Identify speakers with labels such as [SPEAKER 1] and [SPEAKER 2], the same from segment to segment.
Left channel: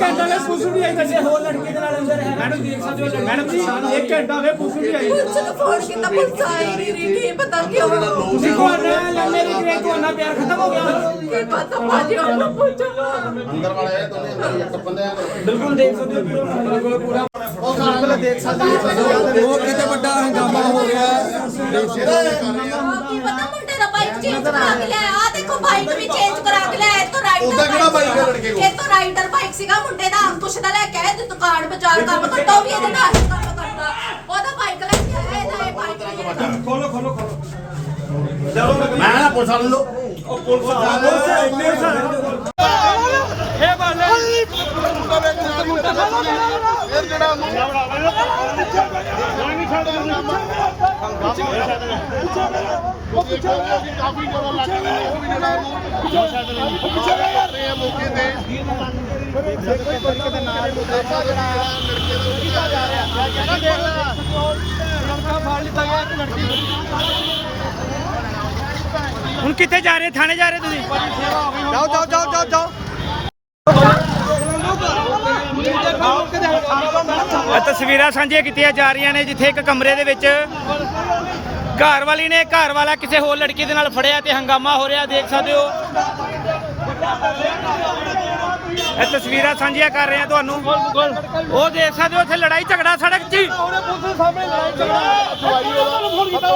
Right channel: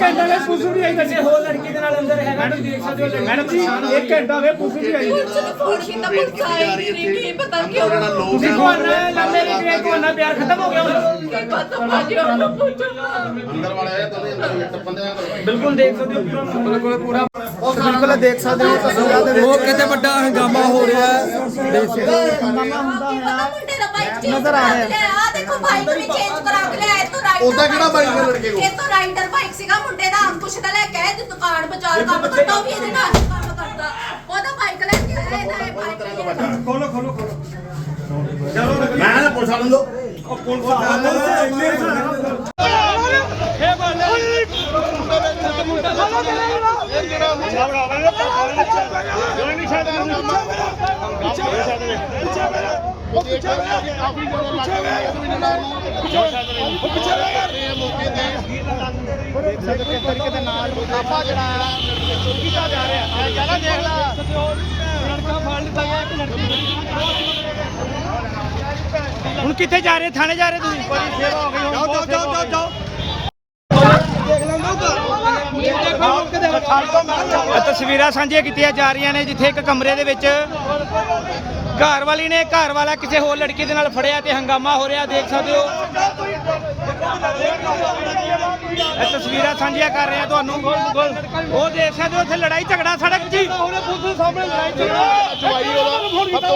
[SPEAKER 1] ਘੰਟਾ ਵੇ ਪੁਲਿਸ ਵੀ ਆਈ ਕਿਸੇ ਹੋਰ ਲੜਕੀ ਦੇ ਨਾਲ ਅੰਦਰ ਹੈ ਮੈਡਮ ਦੇਖ ਸਕਦੇ ਹੋ ਮੈਡਮ ਜੀ 1 ਘੰਟਾ ਵੇ ਪੁਲਿਸ ਵੀ ਆਈ
[SPEAKER 2] ਪੁਲਿਸ ਨੂੰ ਫੋਨ ਕੀਤਾ ਪੁਲਿਸ ਆਈ ਕੀ ਪਤਾ ਕਿਉਂ
[SPEAKER 1] ਤੁਸੀਂ ਕੋਣ ਲੰਮੇ ਕਿਵੇਂ ਕੋਨਾ ਪਿਆਰ ਖਤਮ ਹੋ ਗਿਆ
[SPEAKER 2] ਕੀ ਪਤਾ ਭਾਜੀ ਉਹਨੂੰ ਪੁੱਛੋ
[SPEAKER 3] ਅੰਦਰ ਵਾਲਾ ਹੈ ਤਾਂ ਬੰਦਿਆਂ
[SPEAKER 1] ਬਿਲਕੁਲ ਦੇਖ ਸਕਦੇ ਹੋ ਪੂਰਾ ਬਿਲਕੁਲ ਪੂਰਾ
[SPEAKER 4] ਉਹ ਖਾਣਾ ਦੇਖ ਸਕਦੇ ਹੋ ਉਹ ਕਿਤੇ ਵੱਡਾ ਹੰਗਾਮਾ ਹੋ ਰਿਹਾ ਹੈ ਦੇਖ ਸਕਦੇ
[SPEAKER 2] ਕੀ ਪਤਾ ਮੁੰਡੇ ਦਾ ਬਾਈਕ ਚੇਂਜ ਕਰਾ ਕੇ ਲਿਆ ਆ ਦੇਖੋ ਬਾਈਕ ਵੀ ਚੇਂਜ ਕਰਾ ਕੇ ਲਿਆ ਇਹ ਤੋਂ ਰਾਈਡਰ
[SPEAKER 3] ਉਹਦਾ ਕਿਹੜਾ ਬਾਈਕ ਹੈ ਲੜਕੇ ਕੋਲ?
[SPEAKER 2] ਇਹ ਤੋਂ ਰਾਈਡਰ ਬਾਈਕ ਸੀਗਾ ਮੁੰਡੇ ਦਾ ਅੰਕੁਸ਼ ਦਾ ਲੈ ਕੇ ਆਏ ਤੇ ਦੁਕਾਨ ਬਾਜ਼ਾਰ ਕੰਮ ਕਰਦਾ ਉਹ ਵੀ ਇਹਦੇ ਨਾਲ ਹੀ ਕੰਮ ਕਰਦਾ ਉਹਦਾ ਬਾਈਕ ਲੈ ਕੇ ਆਇਆ ਇਹਦਾ ਇਹ ਬਾਈਕ
[SPEAKER 1] ਖੋਲੋ ਖੋਲੋ ਖੋਲੋ
[SPEAKER 3] ਮੈਂ ਨਾ ਪੁੱਛ ਲਓ
[SPEAKER 1] ਉਹ ਪੁਲਿਸ ਆ ਇੰਨੇ
[SPEAKER 3] ਕਾਫੀ ਜ਼ਿਆਦਾ ਲੱਗ ਰਿਹਾ ਉਹ ਵੀ ਜਿਹੜਾ ਪਿੱਛੇ ਰਹੇ ਆ ਮੌਕੇ ਤੇ ਕੋਈ ਤਰੀਕੇ ਦੇ ਨਾਲ ਮੁਕਾਬਲਾ ਜਿਹੜਾ ਲੜਕੀਆਂ ਦਾ ਕੀਤਾ ਜਾ ਰਿਹਾ
[SPEAKER 1] ਲੜਕਾ ਫੜ ਲਿੱਤਾ ਗਿਆ ਤੇ ਲੜਕੀ ਹੁਣ ਕਿੱਥੇ ਜਾ ਰਹੇ ਥਾਣੇ ਜਾ ਰਹੇ ਤੁਸੀਂ ਜਾਓ ਜਾਓ ਜਾਓ ਜਾਓ ਜਾਓ ਇਹ ਤਸਵੀਰਾਂ ਸਾਂਝੀਆਂ ਕੀਤੀਆਂ ਜਾ ਰਹੀਆਂ ਨੇ ਜਿੱਥੇ ਇੱਕ ਕਮਰੇ ਦੇ ਵਿੱਚ ਘਰ ਵਾਲੀ ਨੇ ਘਰ ਵਾਲਾ ਕਿਸੇ ਹੋਰ ਲੜਕੀ ਦੇ ਨਾਲ ਫੜਿਆ ਤੇ ਹੰਗਾਮਾ ਹੋ ਰਿਹਾ ਦੇਖ ਸਕਦੇ ਹੋ ਇਹ ਤਸਵੀਰਾਂ ਸਾਂਝੀਆਂ ਕਰ ਰਹੇ ਆ ਤੁਹਾਨੂੰ ਉਹ ਦੇਖ ਸਕਦੇ ਹੋ ਇੱਥੇ ਲੜਾਈ ਝਗੜਾ ਸੜਕ 'ਤੇ ਉਹਨੇ ਪੁਲਿਸ ਦੇ ਸਾਹਮਣੇ ਲੜਾਈ ਝਗੜਾ
[SPEAKER 3] ਜਵਾਈ ਉਹਦਾ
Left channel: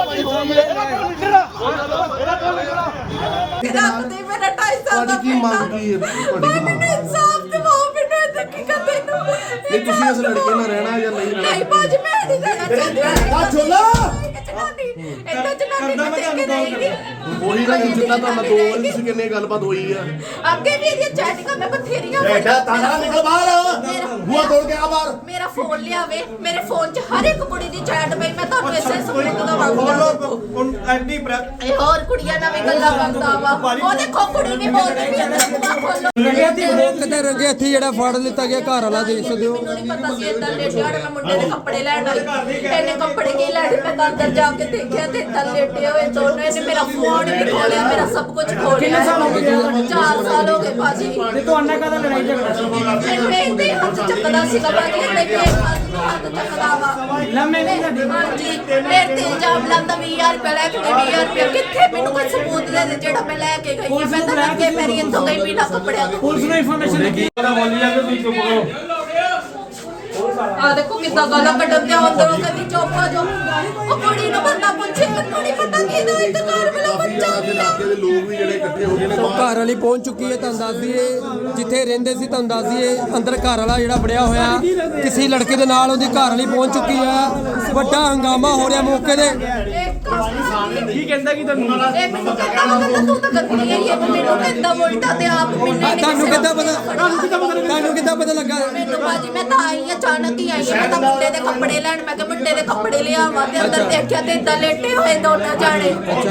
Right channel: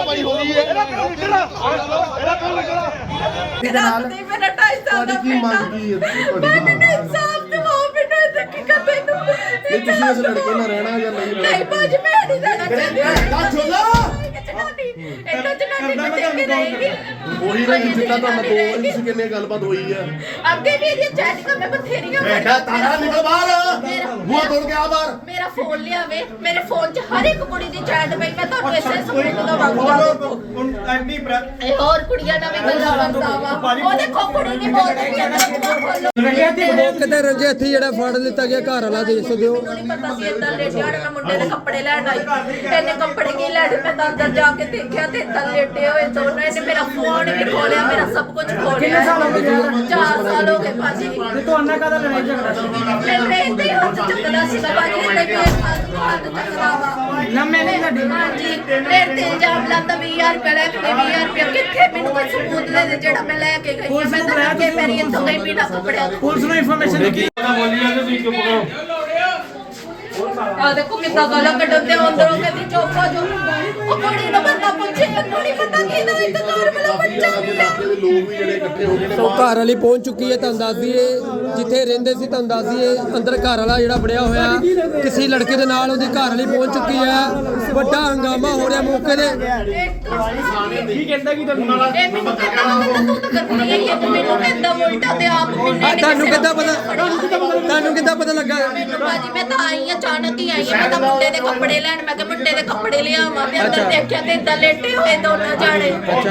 [SPEAKER 2] ਮੇਰਾ 2.5 ਸਾਲ
[SPEAKER 3] ਤੁਹਾਡੀ ਕੀ ਮੰਗ ਕੀ ਹੈ ਤੁਹਾਡੀ ਕੀ ਮੰਗ
[SPEAKER 2] ਇਨਸਾਫ ਦਿਵਾਓ ਮੈਨੂੰ ਇਹ ਕੀ ਕਰਦੇ ਨੂੰ
[SPEAKER 3] ਨਹੀਂ ਤੁਸੀਂ ਇਸ ਲੜਕੇ ਨਾਲ ਰਹਿਣਾ ਜਾਂ ਨਹੀਂ ਰਹਿਣਾ
[SPEAKER 2] ਨਹੀਂ ਭਾਜੀ ਮੈਂ ਨਹੀਂ ਰਹਿਣਾ ਚਾਹੁੰਦੀ ਇੰਨਾ ਜਨਾਨੀ ਮੈਂ ਦੇਖ ਕੇ ਰਹੇਗੀ
[SPEAKER 3] ਉਹੀ ਨਾ ਜਿੱਦਾਂ ਤੁਹਾਡਾ 2 ਵਾਰੀ ਤੁਸੀਂ ਕਿੰਨੇ ਗੱਲਬਾਤ ਹੋਈ ਆ
[SPEAKER 2] ਅੱਗੇ ਵੀ ਇਹਦੀਆਂ ਚੈਟਿੰਗਾਂ ਮੈਂ ਬਥੇਰੀਆਂ
[SPEAKER 3] ਬੈਠਾ ਤਾਣਾ ਨਿਕਲ ਬਾਹਰ ਮੂੰਹ ਤੋੜ ਕੇ ਆ ਬਾਹਰ
[SPEAKER 2] ਮੇਰਾ ਫੋਨ ਲਿਆਵੇ ਮੇਰੇ ਫੋਨ 'ਚ ਹਰ ਇੱਕ ਕੁੜੀ ਦੀ ਚੈਟ ਪਈ ਮੈਂ ਤੁਹਾਨੂੰ ਇਸੇ ਸਬੂਤ ਦਾ ਵਾਂਗਦਾ ਦੇਖੋ ਇਹ ਹੋਰ ਕੁੜੀਆਂ ਨਾਲ ਵੀ ਗੱਲਾਂ ਕਰਦਾ ਵਾ ਉਹ ਦੇਖੋ ਕੁੜੀ ਵੀ ਬੋਲਦੀ ਵੀ ਅੰਦਰ ਖੋਲੋ
[SPEAKER 4] ਉਹ ਕਿਤੇ ਰੰਗੇ ਹੱਥੀ ਜਿਹੜਾ ਫੜ ਲਿੱਤਾ ਗਿਆ ਘਰ ਵਾਲਾ ਦੇਖ ਸਕਦੇ ਹੋ
[SPEAKER 2] ਮੈਨੂੰ ਨਹੀਂ ਪਤਾ ਸੀ ਇਦਾਂ ਲੇਟਿਆ ਮੈਂ ਮੁੰਡੇ ਦੇ ਕੱਪੜੇ ਲੈਣ ਆਈ ਇਹਨੇ ਕੱਪੜੇ ਕੀ ਲੈਣ ਮੈਂ ਤਾਂ ਅੰਦਰ ਜਾ ਕੇ ਦੇਖਿਆ ਤੇ ਇੱਦਾਂ ਲੇਟੇ ਹੋਏ ਦੋਨੋਂ ਇਹਨੇ ਮੇਰਾ ਫੋਨ ਵੀ ਖੋਲਿਆ ਮੇਰਾ ਸਭ ਕੁਝ ਖੋਲਿਆ
[SPEAKER 1] ਕਿੰਨੇ ਸਾਲ ਹੋ ਗਏ
[SPEAKER 2] 4 ਸਾਲ ਹੋ ਗਏ ਭਾਜੀ
[SPEAKER 1] ਤੇ ਤੁਹਾਨੂੰ ਕਾਹਦਾ ਲੜਾਈ ਝਗੜਾ ਸੀ
[SPEAKER 2] ਮੈਂ ਇਹਦੇ ਹੱਥ ਚੱਕਦਾ ਸੀ ਤਾਂ ਭਾਜੀ ਇਹਨੇ ਮੇਰੇ ਹੱਥ ਚੱਕਦਾ ਵਾ
[SPEAKER 1] ਲੰਮੇ ਨਹੀਂ ਸਾਡੀ
[SPEAKER 2] ਹਾਂਜੀ ਮੇਰੇ ਤੇ ਇਲਜ਼ਾਮ ਲਾਉਂਦਾ 20000 ਰੁਪਏ ਲੈ ਕੇ 20000 ਰੁਪਏ ਕਿੱਥੇ ਮੈਨੂੰ ਕੋਈ ਸਬੂਤ ਦੇ ਦੇ ਜਿਹੜਾ ਮੈਂ ਲੈ ਕੇ ਗਈ
[SPEAKER 1] ਪੁਲਿਸ
[SPEAKER 2] ਮੈਂ
[SPEAKER 1] ਨੂੰ
[SPEAKER 2] ਤਾਂ
[SPEAKER 1] ਬੁਲਾਇਆ
[SPEAKER 2] ਅੱਗੇ ਮੇਰੀ ਇੱਥੋਂ ਗਈ ਬਿਨਾ ਕੱਪੜਿਆਂ ਤੋਂ
[SPEAKER 1] ਪੁਲਿਸ ਨੂੰ ਇਨਫੋਰਮੇਸ਼ਨ ਦਿੱਤੀ ਬੋਲੀ ਜਾਂਦੇ ਤੁਸੀਂ ਚੁੱਪ ਕਰੋ
[SPEAKER 2] ਆ ਦੇਖੋ ਕਿੱਦਾਂ ਗਾਲਾਂ ਕੱਢਦੇ ਅੰਦਰੋਂ ਕਹਿੰਦੀ ਚੁੱਪ ਹੋ ਜਾਓ ਉਹ ਕੁੜੀ ਨੂੰ ਬੰਦਾ ਪੁੱਛੇ ਮੈਨੂੰ ਨਹੀਂ ਪਤਾ ਕਿਹਦਾ ਇੱਕ ਘਰ ਵਾਲਾ ਬੱਚਾ
[SPEAKER 3] ਦੇ ਇਲਾਕੇ ਦੇ ਲੋਕ ਵੀ ਜਿਹੜੇ ਇਕੱਠੇ ਹੋ ਗਏ ਨੇ
[SPEAKER 4] ਸੋ ਘਰ ਵਾਲੀ ਪਹੁੰਚ ਚੁੱਕੀ ਹੈ ਤੁਹਾਨੂੰ ਦੱਸ ਦਈਏ ਜਿੱਥੇ ਰਹਿੰਦੇ ਸੀ ਤੁਹਾਨੂੰ ਦੱਸ ਦਈਏ ਅੰਦਰ ਘਰ ਵਾਲਾ ਜਿਹੜਾ ਵੜਿਆ ਹੋਇਆ ਕਿਸੇ ਲੜਕੇ ਦੇ ਨਾਲ ਉਹਦੀ ਘਰ ਵਾਲੀ ਪਹੁੰਚ ਚੁੱਕੀ ਹੈ ਵੱਡਾ ਹੰਗਾਮਾ ਹੋ ਰਿਹਾ ਮੌਕੇ ਤੇ
[SPEAKER 1] ਕੀ ਕਹਿੰਦਾ ਕੀ ਤੁਹਾਨੂੰ
[SPEAKER 2] ਇਹ ਮੈਨੂੰ ਕਹਿੰਦਾ ਤੂੰ ਤਾਂ ਕਰਦੀ ਹੈ ਮੈਨੂੰ ਕਹਿੰਦਾ ਉਲਟਾ ਤੇ ਆਪ
[SPEAKER 4] ਤੁਹਾਨੂੰ ਕਿੱਦਾਂ ਪਤਾ ਤੁਹਾਨੂੰ ਕਿੱਦਾਂ ਪਤਾ ਲੱਗਾ
[SPEAKER 2] ਮੈਨੂੰ ਬਾਜੀ ਮੈਂ ਤਾਂ ਆਈ ਅਚਾਨਕ ਹੀ ਆਈ ਮੈਂ ਤਾਂ ਮੁੰਡੇ ਦੇ ਕੱਪੜੇ ਲੈਣ ਮੈਂ ਕਿਹਾ ਮੁੰਡੇ ਦੇ ਕੱਪੜੇ ਲਿਆਵਾਂ ਤੇ ਅੰਦਰ ਦੇਖਿਆ ਤੇ ਇਦਾਂ ਲੇਟੇ ਹੋਏ ਦੋਨੋਂ ਜਾਣੇ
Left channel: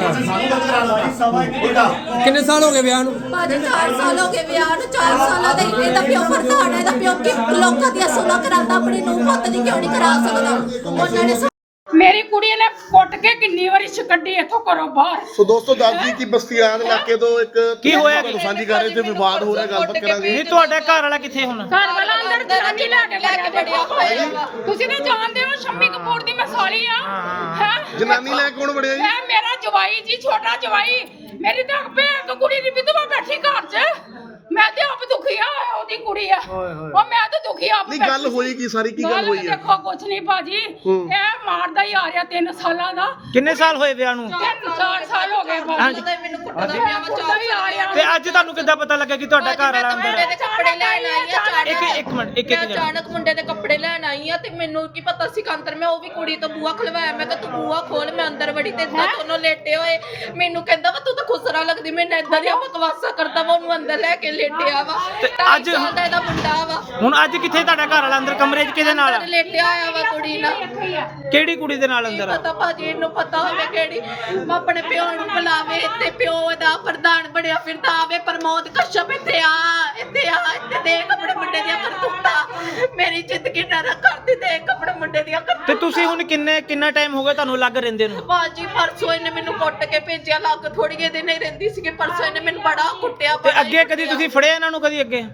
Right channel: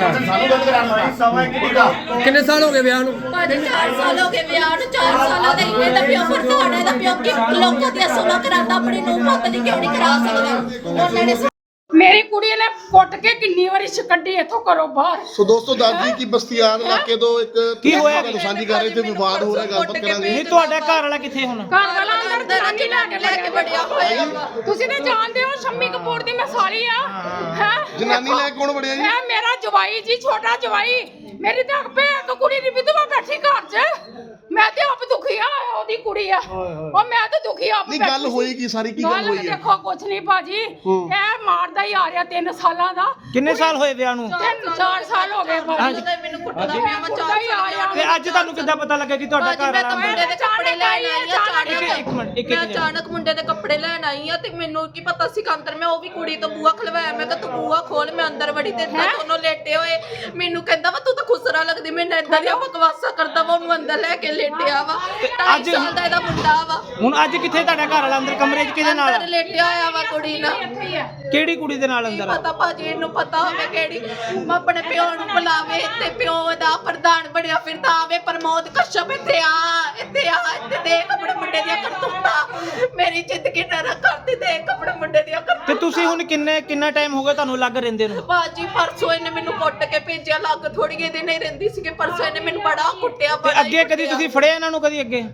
[SPEAKER 4] ਕਿੰਨੇ ਸਾਲ ਹੋ ਗਏ ਵਿਆਹ ਨੂੰ
[SPEAKER 2] ਬਾਜੀ 4 ਸਾਲ ਹੋ ਗਏ ਵਿਆਹ ਨੂੰ 4 ਸਾਲਾਂ ਦਾ ਇਹਦਾ ਪਿਓ ਪ੍ਰਧਾਨ ਹੈ ਇਹਦਾ ਪਿਓ ਕਿ ਲੋਕਾਂ ਦੀਆਂ ਸੁਣਾ ਕਰਾਂਦਾ ਆਪਣੀ ਨੂੰ ਪੁੱਤ ਦੀ ਕਿਉਂ ਨਹੀਂ ਕਰਾ ਸਕਦਾ ਉਹਨਾਂ ਨੇ
[SPEAKER 5] ਮੇਰੀ ਕੁੜੀ ਨੇ ਕੁੱਟ ਕੇ ਕਿੰਨੀ ਵਾਰੀ ਛਕੱਡੀ ਇੱਥੋਂ ਘਰੋਂ ਬਾਹਰ
[SPEAKER 3] ਸੋ ਦੋਸਤੋ ਦੱਸਦੀ ਕਿ ਬਸਤੀਆਣ ਇਲਾਕੇ ਤੋਂ ਇੱਕ
[SPEAKER 1] ਕੀ ਹੋਇਆ?
[SPEAKER 3] ਤੁਹਾਨੂੰ ਸਾਂਝੀ ਕਰ ਰਹੇ ਤੇ ਵਿਵਾਦ ਹੋ ਰਿਹਾ ਗੱਲਬਾਤ ਕਰਾਂਗੇ
[SPEAKER 1] ਨਹੀਂ ਤੁਹਾਡਾ ਘਰ ਵਾਲਾ ਕਿੱਥੇ ਹੁਣ
[SPEAKER 5] ਘਰ ਵਾਲਾ ਅੰਦਰ ਜਨਾਨੀ ਲੈ ਕੇ ਵੜਿਆ ਹੋਇਆ ਤੁਸੀਂ ਤਾਂ ਜਾਣਦੇ ਹੋ ਸ਼ੰਮੀ ਕਪੂਰ ਦੀ ਮੈਂ ਸਾਲੀ ਆ ਹੈ
[SPEAKER 3] ਜਨਾਨੀ ਲੈ ਕੌਣ ਵੜਿਆ ਜੀ
[SPEAKER 5] ਹੈ ਮੇਰਾ ਜਵਾਈ ਜੀ ਛੋਟਾ ਜਵਾਈ ਮੇਰੀ ਤਾਂ ਭੈਣ ਕੁੜੀ ਦੀ ਵਿਧਵਾ ਬੈਠੀ ਘਰ 'ਚ ਮੈਂ ਤੇ ਆਪ ਦੁਖੀ ਆ ਉਹਦੀ ਕੁੜੀ ਆ ਉਹ ਮੈਂ ਤਾਂ ਦੁਖੀ ਆਪ
[SPEAKER 3] ਨਹੀਂ ਗੱਲ ਹੋਈ ਕੀ ਸਾਰੀ ਕੀ ਗੱਲ ਹੋਈ ਹੈ
[SPEAKER 5] ਦੇਖੋ ਕੁਛ ਨਹੀਂ ਭਾਜੀ ਇਹ ਮਾਰਦਾ ਹੀ ਆ ਰਿਹਾ 3 ਸਾਲਾਂ ਦਾ
[SPEAKER 1] ਕਿੰਨੇ ਸਾਲ ਹੋਏ ਵਿਆਹ ਨੂੰ
[SPEAKER 5] 4 ਸਾਲ ਹੋ ਗਏ
[SPEAKER 2] ਮੈਨੂੰ ਕੁੱਟਦਾ ਪਿਆ ਵਾ
[SPEAKER 5] ਕੁੱਟਦਾ ਹੀ ਆ ਰਿਹਾ
[SPEAKER 1] ਤੇ ਅੱਜ ਤੁਹਾਨੂੰ ਕਿੱਦਾਂ ਪਤਾ ਲੱਗਾ ਕਿ ਤੁਹਾਡਾ ਘਰ ਵਾਲਾ ਅੰਦਰ
[SPEAKER 2] ਮੁੰਡੇ ਦੇ ਕੱਪੜੇ ਲੈਣ ਆਈ ਆ ਅਚਾਨਕ
[SPEAKER 1] ਇੱਕ ਮਿੰਟ ਇੱਕ
[SPEAKER 2] ਮੈਂ ਅਚਾਨਕ ਮੁੰਡੇ ਦੇ ਕੱਪੜੇ ਲੈਣ ਆਈ ਆ ਤੇ ਮੈਨੂੰ ਕੀ ਪਤਾ ਸੀ ਕੰਦਰ ਮੈਂ ਉਹ ਵੀ ਕੁੜੀ ਤੋਂ ਬੂਆ ਖਲਵਾਇਆ ਮੈਂ ਕਿਹਾ ਤੂੰ ਬੂਆ ਖੋਲ ਮੈਂ ਅੰਦਰ ਵੜੀ ਤੇ ਇਦਾਂ ਦੋਨੋਂ ਲੇਟੇ ਹੋਏ ਮੈਨੂੰ ਕਹਿੰਦਾ ਵਾ ਤੂੰ ਤਾਂ ਖੁਸਰਾ ਲੱਗਦੀ ਮੈਨੂੰ ਇਦਾਂ ਦੀਆਂ ਬਕਵਾਸਾਂ ਕਰਦਾ ਵਾ ਉਹਨੂੰ ਅੰਦਰ ਲੈ ਕੇ ਲੇਟਿਆ ਵਾ
[SPEAKER 1] ਅੱਜ
[SPEAKER 2] ਦਾ ਇਹਦਾ ਮੁੰਡਾ ਵਾ
[SPEAKER 1] ਹੁਣ ਅੱਜ ਕਿੱਥੇ ਤੁਹਾਡਾ ਘਰ ਵਾਲਾ ਅੰਦਰ ਕਮਰੇ 'ਚ ਕਿਹਦੇ ਨਾਲ
[SPEAKER 2] ਅੰਦਰ ਲੇਟਿਆ ਆਇਆ ਵਾ ਕੁੜੀ ਨਾਲ
[SPEAKER 1] ਕਿਹੜੀ ਕੁੜੀ ਦੇ ਨਾਲ ਅੰਦਰ ਆ
[SPEAKER 2] ਪਤਾ ਭਾਜੀ ਇਹਨੂੰ ਪਤਾ ਹੋਵੇ ਕਿਹੜੀ ਮੈਂ ਆਪਣੇ ਪਿਓ ਨੂੰ ਬੁਲਾਵੇ ਤੇ ਪਿਓ ਇਹਦਾ ਪ੍ਰਧਾਨ ਬਣਿਆ ਫਿਰਦਾ ਆਵੇ ਪ੍ਰਮੋਦ ਕਸ਼ਪ ਇੱਥੇ ਆ ਇੱਥੇ ਦੇਖ ਆਪਣੇ ਮੁੰਡੇ ਦੀਆਂ ਕਰਤੂਤਾਂ ਮੇਰੀ ਜ਼ਿੰਦਗੀ ਨਰਕ ਕਰਦੀ ਦੇਖ ਆਪਣੇ ਮੁੰਡੇ ਦੀਆਂ
[SPEAKER 1] ਤੇ
[SPEAKER 2] ਕਰਤੂਤਾਂ
[SPEAKER 1] ਤੁਸੀਂ ਹੁਣ ਕਿੰਨਾ ਟਾਈਮ ਹੋ ਗਿਆ ਤੁਹਾਨੂੰ ਲੱਗ ਰਹਿੰਦੇ ਨੂੰ
[SPEAKER 2] ਭਾਜੀ ਪਰਸੋਂ ਇਹਨੇ ਮੈਨੂੰ ਕੁੱਟ ਕੇ ਭੇਜਿਆ ਲੱਗ ਥੋੜੀ ਜਿਹੀ ਦਿਨ ਹੀ ਰਹਿੰਦੀ ਸੀਗੀ ਪਰਸੋਂ ਇਹਨੇ ਮੈਨੂੰ ਬੜਾ ਕੁੱਟਿਆ
[SPEAKER 1] ਤੇ ਅੱਗੇ ਕਦੀ ਤੁਸੀਂ ਫੜਿਆ ਇਹਨਾਂ ਨੂੰ ਕਦੀ ਅੱਗੇ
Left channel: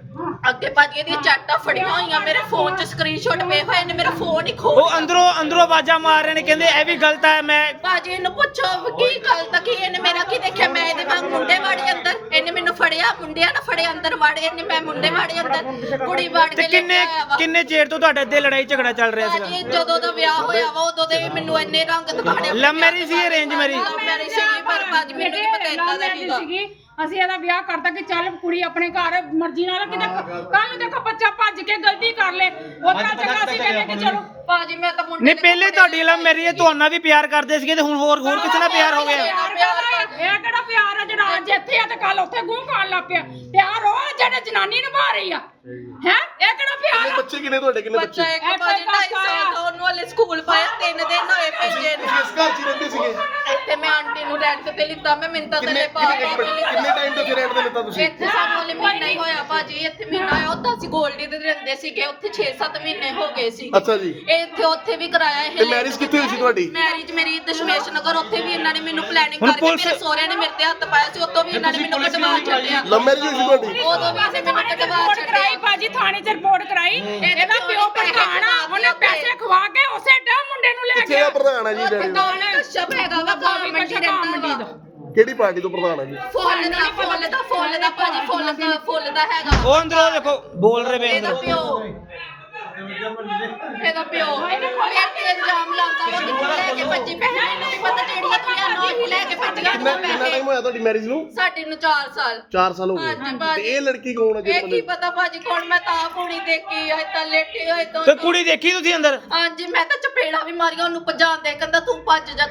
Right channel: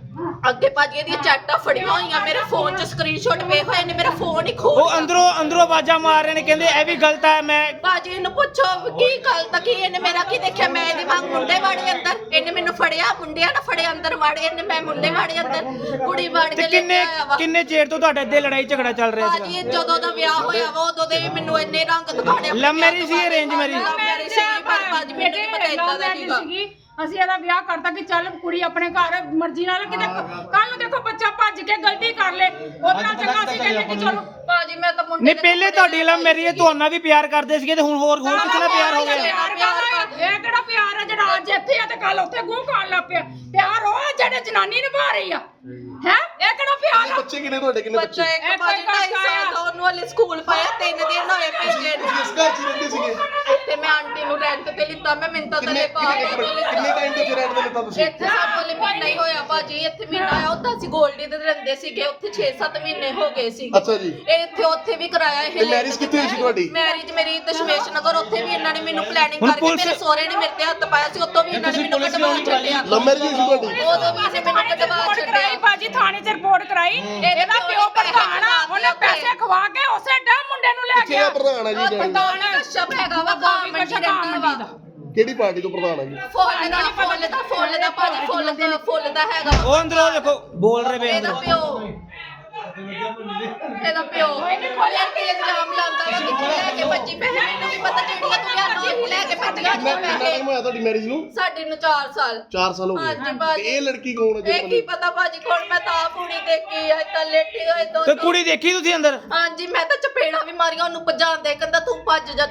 [SPEAKER 2] ਅੱਗੇ ਭਾਜੀ ਇਹਦੀਆਂ ਚੈਟਾਂ ਫੜੀਆਂ ਹੋਈਆਂ ਮੇਰੇ ਫੋਨ 'ਚ ਸਕਰੀਨਸ਼ਾਟ ਪਏ ਹੋਏ ਨੇ ਮੇਰਾ ਫੋਨ ਹੀ ਖੋਹ
[SPEAKER 1] ਉਹ ਅੰਦਰੋਂ ਆਵਾਜ਼ਾਂ ਮਾਰ ਰਹੇ ਨੇ ਕਹਿੰਦੇ ਇਹ ਵੀ ਗਲਤ ਹੈ। ਮੈਂ
[SPEAKER 2] ਭਾਜੀ ਇਹਨੂੰ ਪੁੱਛੋ ਕੀ ਗਲਤ ਕੀ ਇਹਨੇ ਮੇਰਾ ਕੀ ਦੇਖਿਆ ਮੈਂ ਇਹਦੇ ਵਾਂਗ ਮੁੰਡੇ ਵਾੜੇ ਅੰਦਰ ਇਹਨੇ ਮੈਨੂੰ ਫੜਿਆ ਮੁੰਡਿਆਂ ਨਾਲ ਫੜੇ ਅੰਦਰ ਵਾੜੇ ਇਹਨੇ ਮੈਂ ਮੁੰਡੇ ਵਾੜੇ ਅੰਦਰ ਕੁੜੀ ਵਾੜ
[SPEAKER 1] ਤੇ
[SPEAKER 2] ਕੇ ਲੈ ਕੇ ਆਇਆ ਵਾ
[SPEAKER 1] ਕਿੰਨੇ ਚਿਰ ਤੋਂ ਤੁਹਾਡੇ ਅੱਧੇ ਲੜਾਈ ਝਗੜਾ ਚੱਲ ਰਿਹਾ ਸੀਗਾ?
[SPEAKER 2] ਭਾਜੀ ਜਦੋਂ ਦਾ ਵਿਆਹ ਹੋਇਆ ਵਾ ਉਦੋਂ ਦੇ ਮੈਨੂੰ ਇੰਨੇ ਰੰਗ ਦਿਖਾਣੇ
[SPEAKER 1] ਲਵ ਮੈਰਿਜ ਸੀ ਅਰੇਂਜ ਮੈਰਿਜ?
[SPEAKER 2] ਮੇਰੀ ਸੀ ਪਰ ਭਾਜੀ ਮੈਨੂੰ ਨਹੀਂ ਪਤਾ ਇਦਾਂ ਦਾ ਸੀਗਾ
[SPEAKER 5] ਅਸੀਂ ਇਹਦਾ ਵਿਆਹ ਕਰਤਾ ਕਿ ਚੱਲ ਕੁੜੀ ਆਪਣੇ ਘਰ ਮਰਜ਼ੀ ਨਾਲ ਕਿਤੇ ਕੱਲ ਨੂੰ ਦੇਖੋ ਬੱਚਾ ਭੱਜ ਕੇ ਗਲਤੀ ਕਰ ਲੇ ਉਹਦਾ ਚੰਗਾ ਸੀ ਕਹਿੰਦੇ ਕਿ ਚਲੋ
[SPEAKER 2] ਭਾਜੀ ਮੈਂ ਤਾਂ ਮੁੰਡੇ
[SPEAKER 1] ਨਹੀਂ ਪਹਿਲੇ ਤੁਹਾਡੀ ਲਵ ਮੈਰਿਜ ਤੁਹਾਨੂੰ ਵੀ ਪਿਆਰ ਕਰਦੇ ਸੀਗੇ ਤੇ ਹੁਣ ਹੋਰ ਕਿਸੇ ਨਾਲ ਪਿਆਰ ਹੋ ਗਿਆ?
[SPEAKER 5] ਇਹ ਕਿਹੜਾ ਪਿਆਰ ਹੈ ਜਿਹੜਾ ਅੱਜ ਇੱਥੇ ਆ ਤੇ ਕੱਲ ਉੱਥੇ ਗੂੰ ਖਾਣ ਲੱਗ ਪਿਆ? ਪਿਆਰ ਉਹ ਹੈ ਜਿਹੜਾ ਜਨਾਨੀ ਨਿਭਾ ਰਹੀ ਆ ਹੈ ਇਹ ਕਿਹੜਾ ਪਿਆਰ ਆ?
[SPEAKER 3] ਬੱਚੇ ਕਿੰਨੇ ਤੁਹਾਡੇ ਕਿੰਨੇ ਬੱਚੇ?
[SPEAKER 2] ਬੱਚਾ ਇੱਕ ਭਾਜੀ 2.5 ਸਾਲ ਦਾ ਉਹਨੂੰ ਹਲੇ ਸਕੂਲ ਪਾਇਆ 3 ਦਿਨ ਹੋਏ ਭੇਜੇ ਨੂੰ
[SPEAKER 3] ਇਸ ਘਰ 'ਚ ਹੀ ਰਹਿੰਦੇ ਸੀਗੇ?
[SPEAKER 2] ਤੇ ਮੈਂ ਆਂਟੀ ਨੂੰ ਰੈਂਟ ਤੇ ਲਿੱਤਾ ਮੈਂ ਮਿੰਤਾ ਤੇ
[SPEAKER 3] ਕਿੰਨੇ ਟਾਈਮ ਤੋਂ ਰੈਂਟ ਤੇ ਲਿੱਤਾ ਤੁਸੀਂ?
[SPEAKER 2] ਇੱਥੇ ਸਾਨੂੰ ਹਲੇ ਮਹੀਨਾ ਹੀ ਹੋਇਆ ਭਾਜੀ ਇੱਥੇ ਮਹੀਨਾ ਹੋਇਆ ਉੱਦਾਂ ਅਸੀਂ ਗੋਲਡੀ ਤੇ ਰਹਿੰਦੇ ਸੀਗੇ ਉੱਥੇ 6-7 ਮਹੀਨੇ ਹੋ ਗਏ ਸੀ
[SPEAKER 3] ਅੱਛਾ ਜੀ।
[SPEAKER 2] ਇੱਥੇ ਉੱਥੇ ਵੀ ਕਰਾਇਆ ਇਹ
[SPEAKER 3] ਤੇ ਮੈਰਿਜ ਕਿੱਥੇ ਹੋਈ ਸੀ ਤੁਹਾਡੀ?
[SPEAKER 2] ਮੈਰਿਜ ਮੇਰੀ ਦਸ਼ਮੇਸ਼ ਨਗਰ ਉੱਥੇ ਵੀ ਇਹਨਾਂ ਨੇ ਮੈਨੂੰ ਪਲੈਨਿੰਗ ਕਰਕੇ ਮੇਰੇ ਸਹੁਰੇ ਨੇ ਮੇਰੇ ਤੇ ਹੱਥ ਪਾਇਆ ਸੀ ਉੱਤੋਂ ਵੀ ਇਹਨਾਂ ਨੇ ਮੈਨੂੰ ਕਢਵਾ ਛੱਡਿਆ।
[SPEAKER 3] ਲਵ ਮੈਰਿਜ ਹੋਈ ਸੀ ਤੁਹਾਡੀ?
[SPEAKER 2] ਉਦੋਂ ਵੀ ਇਹਨੇ ਮੈਨੂੰ ਕਢਵਾ
[SPEAKER 5] ਕਰਾਈ ਭਾਜੀ ਥਾਣੇ 'ਚ ਰਿਪੋਰਟ ਕਰਾਈ ਇਹਦਾ ਪਿਓ ਪ੍ਰਧਾਨ ਆ ਉਹਨੇ ਪੈਸੇ ਖਵਾ ਕੇ ਉਸੇ ਟਾਈਮ ਮੁੰਡੇ ਨੂੰ ਲੈ
[SPEAKER 3] ਕਿੱਥੇ ਦਾ ਪ੍ਰਧਾਨ ਹੈ ਜੀ ਡੈਡੀ ਦਾ?
[SPEAKER 2] ਪ੍ਰਧਾਨ ਕਸ਼ਪ ਹੈਗਾ ਵਾ ਗਾਂ ਮੰਡੀ ਰਹਿੰਦਾ ਵਾ
[SPEAKER 3] ਕਿਹੜੀ ਪਾਰਟੀ ਤੋਂ ਪ੍ਰਧਾਨ ਹੈ ਜੀ?
[SPEAKER 2] ਫੁੱਲ ਦਾ ਭਾਜੀ ਫੁੱਲ ਦਾ ਹੈਗਾ
[SPEAKER 1] ਉਹ ਅੰਦਰੋਂ ਦੇਖੋ ਬੋਲ ਰਹੇ ਪਏ
[SPEAKER 2] ਇਹਦਾ
[SPEAKER 1] ਅੰਦਰੋਂ।
[SPEAKER 2] ਪਿਓ ਇਹਦਾ ਪਿਓ ਇਹ ਇਲਜ਼ਾਮ ਲਾਉਂਦਾ ਵਾ ਕਿ ਲੈ ਕੇ ਭੱਜੀ ਪੈਸੇ ਮੈਨੂੰ ਵੀ ਪਤਾ ਜਿਹੜੀਆਂ ਤੂੰ ਲਿਆਨੋ ਹੀ ਲੈ ਕੇ ਭੱਜੀਆਂ
[SPEAKER 3] ਕਿੰਨਾ ਟਾਈਮ ਹੋਇਆ ਤੁਹਾਡੀ ਮੈਰਿਜ ਨੂੰ?
[SPEAKER 2] ਸਾਡੇ ਨੂੰ 4 ਸਾਲ
[SPEAKER 3] 4 ਸਾਲ ਹੋ
[SPEAKER 2] ਹਾਂਜੀ
[SPEAKER 3] ਗਏ।
[SPEAKER 2] ਭਾਜੀ।
[SPEAKER 3] ਤੇ ਇਹ ਲੜਕੀ ਕੌਣ ਹੈ
[SPEAKER 2] ਇਹ ਕੀ ਪਤਾ ਭਾਜੀ ਕੌਣ ਮੈਂ ਤਾਂ ਕੁੜੀ ਦੇਖੀ ਐ ਤਾਂ ਲੇਟੀ ਹੋਏ
[SPEAKER 1] ਤੇ
[SPEAKER 2] ਦੋ
[SPEAKER 1] ਕੁੜੀ ਦੇਖੀ ਤੁਸੀਂ ਅੰਦਰ?
[SPEAKER 2] ਹਾਂਜੀ ਮੈਂ ਤਾਂ ਚਪੇੜਾ ਵੀ ਮਾਰੀਆਂ ਉਹਨੂੰ ਭਜਾਉਂਦੇ ਕਹਿੰਦਾ ਤੂੰ ਭੱਜ ਜਾ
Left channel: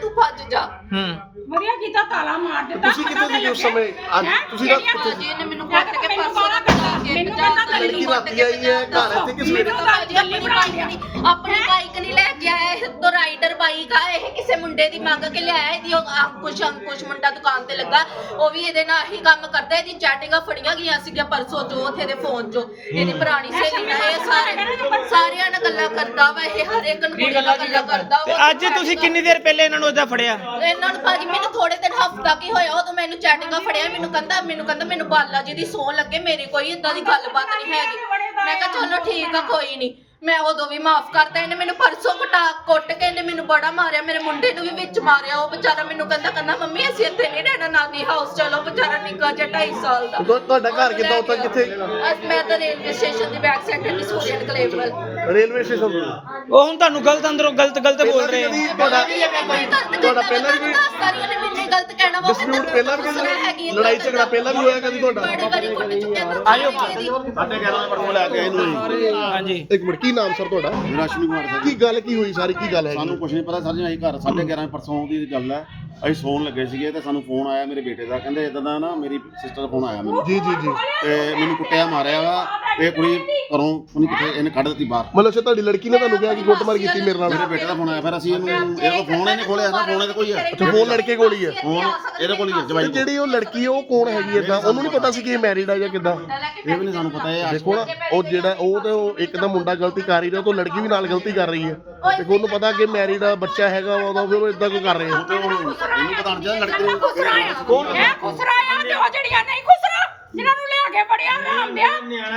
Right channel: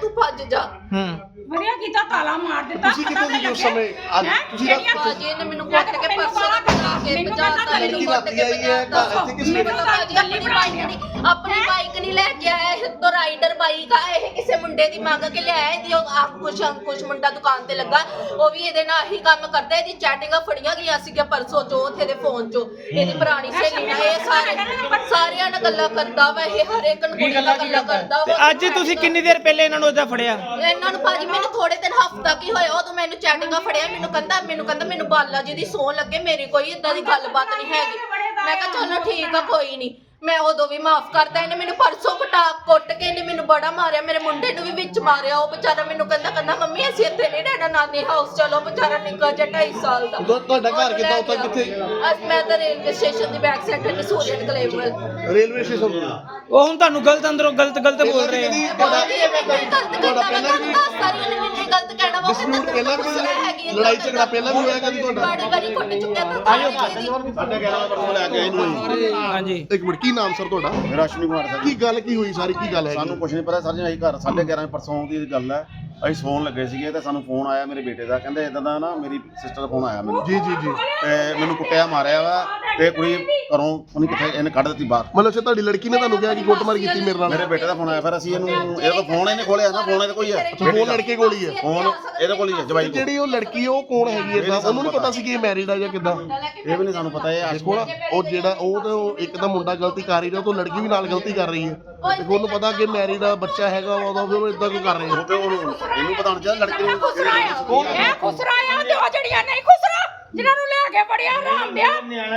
[SPEAKER 5] ਵਧੀਆ ਕੀਤਾ ਤਾਲਾ ਮਾਰ ਦਿੱਤਾ
[SPEAKER 3] ਤੁਸੀਂ ਕਿੱਥੇ ਸੀਗੇ ਉਸ ਸਮੇਂ? ਅੱਜ ਤੁਸੀਂ ਰਾਤ
[SPEAKER 2] ਭਾਜੀ ਇਹਨੇ ਮੈਨੂੰ ਕੁੱਟ ਕੇ ਪਰਸੋਂ ਦਾ ਭਜਾ ਕੇ ਭਜਾਤਾ
[SPEAKER 3] ਲੜਕੀ ਰਾਤੀ ਆਈ ਹੈ ਘਰ ਇੱਥੇ ਕਿਸ ਵੇਲੇ?
[SPEAKER 2] ਭਾਜੀ ਆਪਣੀ ਬਾਈਕ ਨਹੀਂ ਲੈ ਕੇ ਆਇਆ ਇਹ ਤੋਂ ਰਾਈਡਰ ਬਾਈਕ ਆ ਇਹ ਕਿਸੇ ਮੁੰਡੇ ਦੀ ਮੰਗ ਕੇ ਲਿਆਇਆ ਇਹਦੀ ਉਹ ਅੰਕੁਸ਼ ਮੁੰਡਾ ਦੁਕਾਨ ਤੇ ਲੱਗਾ ਉਹ ਵੀ ਇਹਦੇ ਨਾਲ ਹੀ ਕੰਮ ਕਰਦਾ ਇਹਦੀ ਚੈਟਿੰਗਾਂ ਫੜੀਆਂ ਗਈਆਂ ਸੀਗੀਆਂ ਪਰਸੋਂ ਚੋਂ ਉੱਥੇ ਦੇ ਫੋਨ ਚੋਂ ਇਹਦੀ ਪੁਰਾਣੀ ਸਹੇਲੀ ਨਾਲ ਇਹ ਸਾਰਿਆਂ ਨਾਲ ਗੱਲਾਂ ਕਰਦਾ ਵਾ ਇਹ ਹਰ ਇੱਕ ਨੂੰ ਕੁੜੀ ਨਾਲ ਗੱਲਾਂ ਕਰਦਾ
[SPEAKER 1] ਤੇ ਅੱਜ ਤੁਸੀਂ ਕਿੰਨੀ ਦੇਰ ਪਹਿਲੇ ਇਹਨਾਂ ਨੂੰ ਏਦਾਂ ਫੜਿਆ?
[SPEAKER 2] ਇਹਨਾਂ ਨੂੰ ਭਾਜੀ ਮੈਨੂੰ ਥੋੜੇ ਦਿਨ ਹਫਤਾ ਕੀ ਹੋਇਆ ਉਦੋਂ ਮੈਨੂੰ ਚੈਟਿੰਗਾਂ ਫੜਿਆ ਮੈਨੂੰ ਕਹਿੰਦਾ ਮੈਨੂੰ ਬਾਲਾ ਜੀ ਦੀ ਸੌਂ ਲੱਗੇ ਮੇਰੀ ਕੋਈ ਇਦਾਂ ਦੀ ਗੱਲਬਾਤ ਨਹੀਂ ਹੈਗੀ ਮੈਂ ਕਿਹਾ ਚਲੋ ਠੀਕ ਆ ਕੋਈ ਨਹੀਂ ਮੈਂ ਉਦੋਂ ਵੀ ਮਾਫ ਕਰਤਾ ਇਹਨੇ ਮੈਨੂੰ ਪਰਸੋਂ ਕੁੱਟ ਕੇ ਇਹਨੇ ਮੈਨੂੰ ਬੜਾ ਮਾਰਿਆ ਮੇਰੇ ਮੁੰਡੇ ਨੂੰ ਵੀ ਵਿੱਚ ਮਾਰਿਆ ਉਹ ਵਿਚਾਰਾ ਮੈਨੂੰ ਕਹਿੰਦਾ ਮੰਮੀ ਅਸੀਂ ਇੱਥੇ ਨਹੀਂ ਰਹਿਣਾ ਨਾਨੀ ਹਾਊਸ ਚਲੋ ਵਿਚਾਰਾ ਨਿੱਕਾ ਜਿਹਾ 2.5 ਸਾਲ ਦਾ
[SPEAKER 3] ਤੁਹਾਡਾ ਘਰ ਕਿੱਦਾਂ ਉੱਥੇ ਕਿੱਥੇ?
[SPEAKER 2] ਅੱਜ ਮੈਂ ਤਾਂ ਰੇਲਵੇ ਸਟੇਸ਼ਨ ਦੀ ਬੈਕ ਸਾਈਡ ਤੇ ਸੂਰਿਆ ਕਲੇਵਲ
[SPEAKER 3] ਰੇਲਵੇ ਸਟੇਸ਼ਨ ਤੋਂ?
[SPEAKER 1] ਉਹ ਹੁਣ ਤੁਹਾਨੂੰ ਗਲਤ ਅੰਦਰੋਂ ਗਲਤ ਬੋਲ ਰਹੇ
[SPEAKER 3] ਕਦੀ
[SPEAKER 1] ਆ।
[SPEAKER 3] ਤੁਹਾਡਾ ਪਹਿਲਾਂ ਵੀ
[SPEAKER 2] ਗਲਤ ਕਹਿਣਾ ਵਾ
[SPEAKER 3] ਡਿਸਪਿਊਟ ਪਹਿਲਾਂ ਵੀ ਕਦੀ ਲੜਾਈ ਝਗੜਾ ਪਹਿਲਾਂ ਵੀ ਹੋਇਆ ਕਦੀ ਤੁਹਾਡਾ?
[SPEAKER 2] ਬੜੀ ਵਾਰੀ ਕੁੱਟ ਚੁੱਕਿਆ
[SPEAKER 1] ਆਜੋ।
[SPEAKER 3] ਸਾਡੇ 11 ਦਾ ਪਰਸੋਂ ਲੈ ਕੇ ਆਏ ਨੂੰ।
[SPEAKER 1] ਹਾਂਜੀ
[SPEAKER 3] ਇੱਕ ਮਿੰਟ ਕੀ ਨਾਮ ਸਰ ਤੁਹਾਡਾ?
[SPEAKER 6] ਮੇਰਾ ਅਸ਼ਵਨੀ ਕੁਮਾਰ ਸਰ।
[SPEAKER 3] ਕੀ ਗੱਲ ਕੀ ਹੋਈ ਸਾਰੀ ਕੀ ਗੱਲ ਹੈ?
[SPEAKER 6] ਸਾਨੂੰ ਕੁਝ ਨਹੀਂ ਪਤਾ ਸਰ ਜੀ ਅਸੀਂ ਘਰ 11:30 ਪਰਸੋਂ ਦੀ ਗੱਲ ਹੈ ਅਸੀਂ ਸੌਣ ਲੱਗੇ ਸੀਗੇ ਤੇ ਸਾਨੂੰ ਫੋਨ ਆਇਆ ਮੇਰੇ ਬੇਟੇ ਦਾ ਕਹਿੰਦੇ ਇਦਾਂ ਦਾ ਨਾ ਮੇਰੀ ਸਿਸਟਰ ਦਾ ਫੋਨ ਆਇਆ ਮੈਨੂੰ
[SPEAKER 3] ਜੀ ਜੀ ਜੀ।
[SPEAKER 6] ਤੇ ਮੈਨੂੰ ਕੁੱਟਿਆ ਮਾਰਿਆ ਵਾ ਤੇ ਕੁੜੀ ਘਰੋਂ ਉਹਨੇ ਕਿੱਥੇ ਇਹਨੇ ਕੱਢ ਦਿੱਤੀ ਬਾਹਰ।
[SPEAKER 3] ਮਤਲਬ ਤੁਹਾਡੀ ਲੜਕੀ ਨੇ ਤੁਹਾਨੂੰ ਕਿਹਾ ਕਿ ਕੁੱਟਮਾਰ ਕੀਤੀ ਮੇਰੇ ਨਾਲ?
[SPEAKER 6] ਮੇਰੇ ਬੇਟੇ ਦਾ ਫੋਨ ਆਇਆ ਫਿਰ ਅਸੀਂ ਇਹਨੂੰ ਇਹਦਾ ਫੋਨ ਇਹਨੇ ਖੋਲਿਆ ਨਾ ਫੋਨ ਇਹਦੇ ਕੋਈ ਹੈ
[SPEAKER 3] ਫੋਨ ਲੜਕੇ ਕੋਲ ਹੀ ਹੈ?
[SPEAKER 6] ਫੋਨ ਇਹਦੇ ਕੋਲ ਹੀ ਹੈ ਜਵਾਈ ਕੋਲ।
[SPEAKER 3] ਜਿਹੜੀ ਉਹ ਲੜਕੀ ਉਹ ਕੌਣ ਹੈਗੀ ਏਦਾਂ ਉਹਨੂੰ ਨਹੀਂ ਪਤਾ ਸੀ ਕਿ ਇਹ ਮੈਰਿਡ ਆ ਜਾਂ ਕਿੱਦਾਂ?
[SPEAKER 6] ਇਹ ਵੀ ਨਹੀਂ ਸਾਨੂੰ ਪਤਾ ਇਹ
[SPEAKER 3] ਦੇਖੋ ਨਾ ਉਹ ਜਿਹੜਾ ਉਹ ਤੇ ਉਹ ਇੱਕ ਤਾਂ ਮੁੰਡਾ ਗਲਤੀ ਕਰ ਹੀ ਰਿਹਾ ਤਾਂ ਲੜਕੀ ਵੀ ਨਾਲ ਗਲਤੀ ਕਰ ਰਹੀ ਹੈ ਤੇ ਉਹਨੂੰ ਪਤਾ ਕਿ ਮੈਰਿਡ ਆ ਬੱਚਾ ਹੈਗਾ ਉਹਦਾ ਫਿਰ ਉਹ ਇਦਾਂ ਕਿਉਂ ਕਰ ਰਹੇ
[SPEAKER 6] ਉਹ ਤੇ ਉਹਨੂੰ ਇਹਨੂੰ ਪਤਾ ਨਹੀਂ ਚਾਹੀਦਾ ਲੜਕੀ ਨੂੰ
[SPEAKER 5] ਇਹ ਖੁਸਰਾਇਆ ਤੇ ਉਹ ਜਿਹੜੀਆਂ ਨਹੀਂ ਖੁਸਰਾ ਜਿਨ੍ਹਾਂ ਨੂੰ ਲੈ ਕੇ ਬੜਿਆ ਆਰਾਮ ਦਿਆ ਨਿਆਣਾ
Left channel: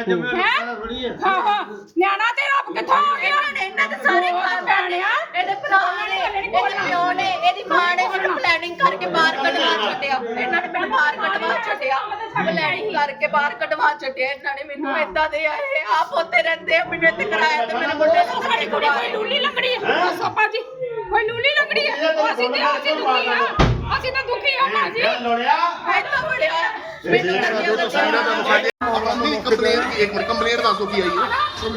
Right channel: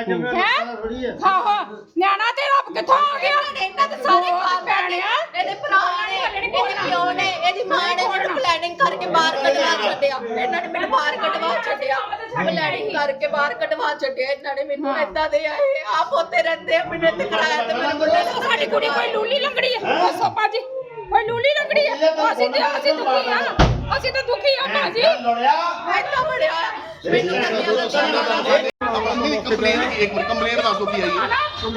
[SPEAKER 5] ਹਾਂ ਨਿਆਣਾ ਤੇ ਰੱਬ ਕਿੱਥੋਂ ਆ ਗਿਆ
[SPEAKER 2] ਇਹਨਾਂ ਦੇ ਸਾਰੇ ਭੈਣਿਆ ਇਹਦੇ ਭਰਾ ਨੇ ਇਹਦੇ ਪਿਓ ਨੇ ਇਹਦੀ ਮਾਂ ਨੇ ਮੈਨੂੰ ਪਲੈਨਿੰਗ ਕਰਕੇ ਬਾਹਰ ਕਢਵਾ ਛੱਡਿਆ ਇਹਨਾਂ ਨੇ ਮੈਨੂੰ ਬਾਹਰ ਕਢਵਾ ਛੱਡਿਆ ਪਲੈਨਿੰਗ ਕਰਕੇ ਬਾਹਰ ਕਢਵਾ ਛੱਡਿਆ ਇਹਨਾਂ ਨੇ ਮੈਨੂੰ ਏਦਾਂ ਦੇ ਆਏ ਆਪ ਉੱਤੇ ਰਹਿੰਦੇ ਆਪਣੇ ਤੇ ਕਰਾਇਆ ਤੇ ਮੇਰੇ ਮੁੰਡੇ ਨੂੰ
[SPEAKER 5] ਸਾਡੀ ਕੁੜੀ ਕੋਈ ਲੂਲੀ ਲੰਗੜੀ ਹੈ ਉਹ ਸੋਪਾ ਜੀ ਕੋਈ ਲੂਲੀ ਲੰਗੜੀ ਹੈ ਅਸੀਂ ਦੁਖੀ ਆ ਅਸੀਂ ਤਾਂ ਦੁਖੀ ਆ ਭਾਜੀ
[SPEAKER 2] ਐਦਾਂ ਬੜਿਆ ਮੈਨੂੰ
[SPEAKER 3] ਕੰਪਲੇਂਟ ਦੱਸੋ ਕੀ ਆਈ ਹੈ?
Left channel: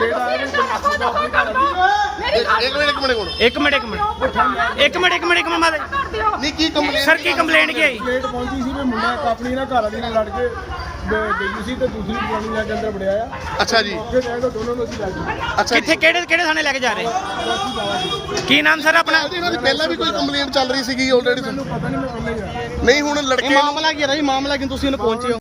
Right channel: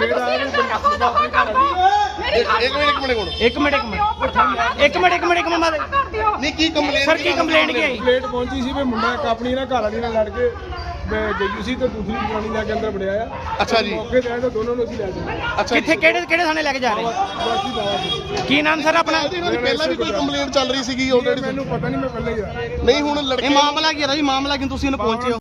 [SPEAKER 1] ਇੱਕ ਮਿੰਟ ਮਾਤਾ
[SPEAKER 3] ਨਹੀਂ ਕੀ ਕੰਪਲੇਂਟ?
[SPEAKER 1] ਸਰ ਕੀ ਕੰਪਲੇਂਟ ਕੀ ਆਈ?
[SPEAKER 7] ਕੰਪਲੇਂਟ ਪਹੁੰਚੀ ਸੀ ਵੀ ਮੁੰਡਾ ਇੱਕ ਆਪਣੀ ਨਾ ਘਰ ਵਾਲੀ ਨਾਲ ਲੜ ਕੇ ਗਈ ਸੀ ਤੇ ਦੂਸਰੀ ਜਵਾਨੀ ਲੈ ਕੇ ਅੰਦਰ ਵੜਿਆ ਆ।
[SPEAKER 3] ਅੱਛਾ ਜੀ।
[SPEAKER 7] ਫਿਰ ਇਹ ਦੋਨੋਂ ਨੂੰ ਅਸੀਂ ਲੈ ਗਏ
[SPEAKER 3] ਅੱਛਾ ਜੀ।
[SPEAKER 1] ਕਿੱਥੇ ਕਿਹੜੇ ਥਾਣੇ ਲੈ ਕੇ ਜਾ ਰਹੇ?
[SPEAKER 7] ਬਾਕੀ ਜਾਇਆ ਸੀ
[SPEAKER 1] ਕੀ ਨਾਮ ਸਰ ਆਪਣਾ?
[SPEAKER 3] ਇਹਨਾਂ ਦੀ ਪਹਿਲਾਂ ਵੀ ਕੋਈ ਕੰਪਲੇਂਟ ਚੱਲ ਰਹੀ ਸੀਗੀ ਆਲਰੇਡੀ?
[SPEAKER 7] ਮੈਨੂੰ ਪਤਾ ਨਹੀਂ ਮੈਂ ਪਹਿਲਾਂ ਹੀ ਆ
[SPEAKER 3] ਨਹੀਂ ਹੁਣ ਲੜਕੇ
[SPEAKER 8] ਮਾਮਲਾ ਕੀ ਹੈ ਜੀ? ਮਾਮਲਾ ਕਿ ਤੁਸੀਂ ਇਹਨੂੰ ਪਹੁੰਚੇ ਹੋ?